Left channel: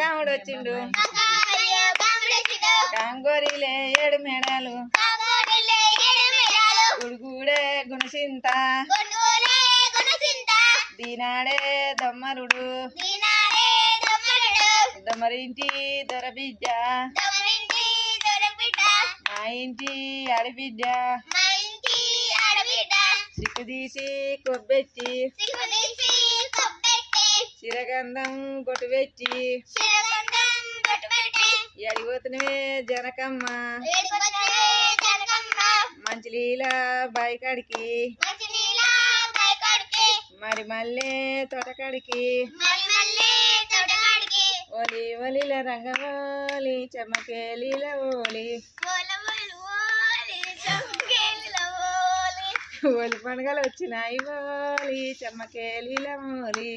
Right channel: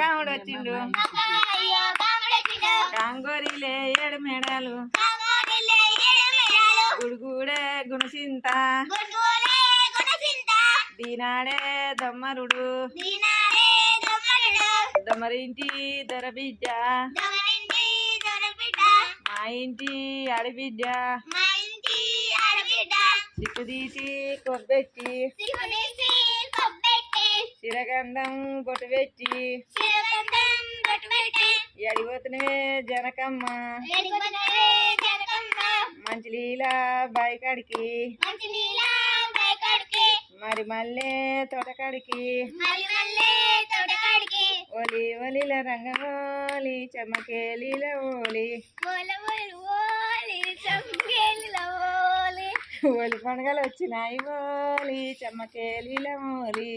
కాముడు వచ్చిండు కాంగోరిలే 7 మేడాలు గుడుగూడే గుణసింత దీనాడే దమ్మరుడు దమ్మరింటి దొరబిడ్డ మా ఇంటి ఆడబిడ్డ సిక్కు తీసి కొబ్బెట్టి చిరగంధం బొట్టు పెట్టి ఎడిపోతున్నవే జనకమ్మ మంచి లీల బాయికాడికి మరి మళ్ళీ తోటకాడికి ఓలి ఓలిల రంగమోలి చెమ్మకేలీల ఓలి ఓలి పండుగలు వచ్చినాయి ఓలి చెమ్మకేలీల మోలి